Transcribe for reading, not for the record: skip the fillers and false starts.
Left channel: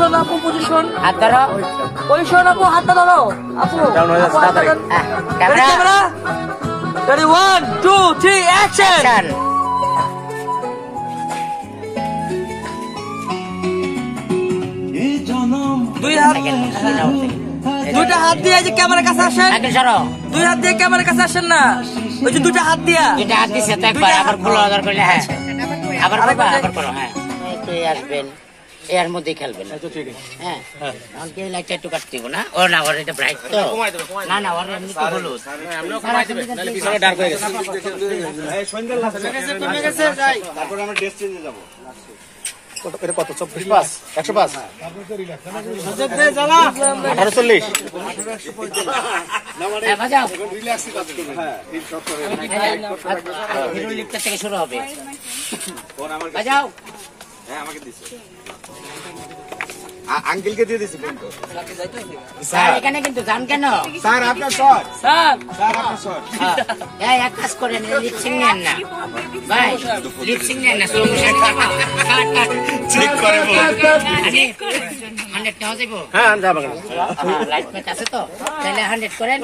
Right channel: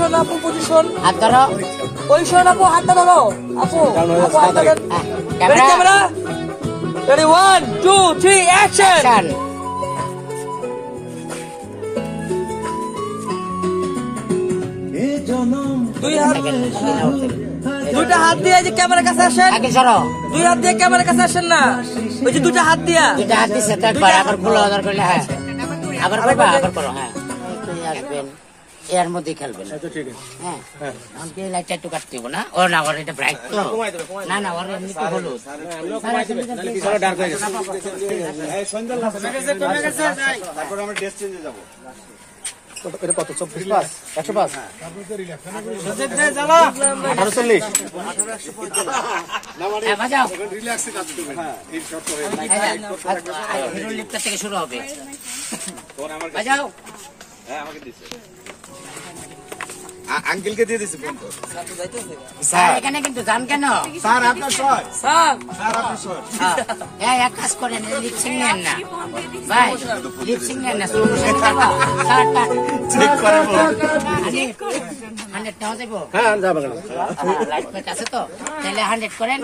Position আপু, position হাত ধরো, পজিশন আপু, হাতটা ধরো আপু। Camera ready 1 2 3 action. দুইটা হাত দিয়ে যে ক্যামেরার কাছে আসেন, দুই হাত দিয়ে ক্যামেরার কাছে আসেন না, ওই যে দুইটা হাত দিয়া, দুইটা হাত দিছে তো একবার, আবার খুলে অর্ডার করলে হ্যাঁ আবার করবা, আবার করো হ্যাঁ একটু আসবেন এর মধ্যে খেলবেন হ্যাঁ। আমাকে লাইটটা একটু কাটতে হবে না, ও না ওর এটা ব্রাইট তো না না ওর এমনি তো হলুদ ডার্ক হয়ে গেছে, তারপর আমরা ড্রেস চেঞ্জে যাব। এটা কত 24 105 1840 রিল্যাক্সে কাজ করবেন। হ্যাঁ এই সব করে লিখতে থেকে শুরু হবে। বাজাও। হ্যাঁ আমাকে দিছে, আঙ্কেলকে দিয়ে দিছে ফোন। স্যার এখানে কিন্তু যান কেন স্যার আপনার স্যার, স্যার স্যার আপনার স্যার এক কাজ করেন, লিপসিং নেন না ভাই, লিপসিং নেন না, স্লো মোশন করবো, কাট কাট চেক করব। 100 নেওয়া যাবো। হ্যাঁ যাবেন, লাইট পেট আছে তো, তাহলে 100 করেন,